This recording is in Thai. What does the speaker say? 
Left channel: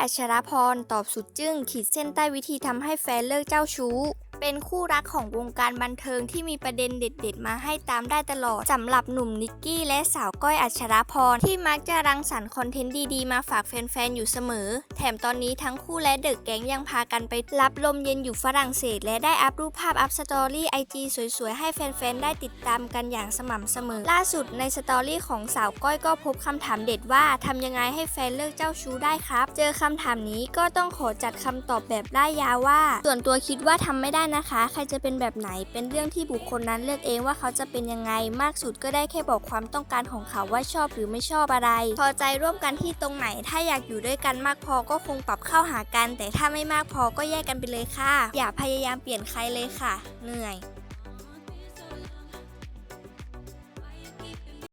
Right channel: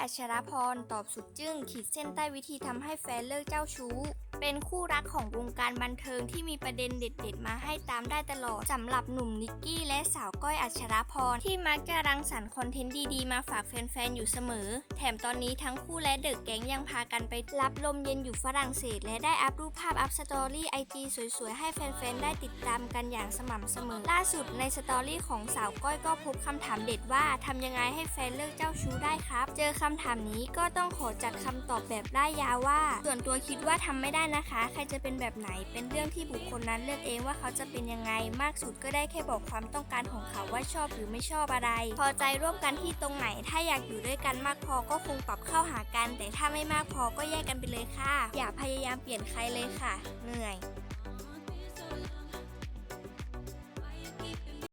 อัชรพร ตอบสุดจึ้งขีดเส้นใต้วิธีทำให้แฟนเลิกเจ้าชู้ เป็นคู่รักของวงการบันเทิงที่มีประเด็นเด็ด ๆ มาให้ตามได้ตลอดสำหรับหนุ่มนิกกี้และสาวก้อยอัชรพรที่มักจะรังสรรค์คอนเทนต์ดีๆ มาฝากแฟน ๆ อยู่เสมอ แถมตอนนี้ทั้งคู่และเดอะแก๊งยังพากันไปรับลมเย็นอยู่ฝรั่งเศส และได้อัพรูปภาพอัพสตอรี่ไอจีสวย ๆ ให้แฟน ๆ ได้ติดตามกันอย่างสม่ำเสมอ ล่าสุดในสตอรี่ของสาวก้อยก็พบคำถามเด็ดว่าทำยังไงให้แฟนเลิกเจ้าชู้ได้ครับ เจอคำถามนี้ก็ต้องขอจัดคำตอบแบบได้ยาวว่า ส่วนตัวคิดว่าทำไม่ได้นะคะ ใครจะเป็นแบบไหนเป็นเรื่องที่บุคคลนั้นเลือกเองว่าเขาจะเป็นยังไงมากสุดก็ได้แค่บอกความต้องการของเขาว่าชอบหรือไม่ชอบอะไร พอใจร่วมกันที่ตรงไหน ถ้าอยากอยู่ด้วยกันมากพอก็คงปรับเข้าหากัน แต่ถ้าไม่มากพอก็แยกกันไปเลยค่ะ อย่าพยายามเปลี่ยนใครเลยค่ะ เหนื่อย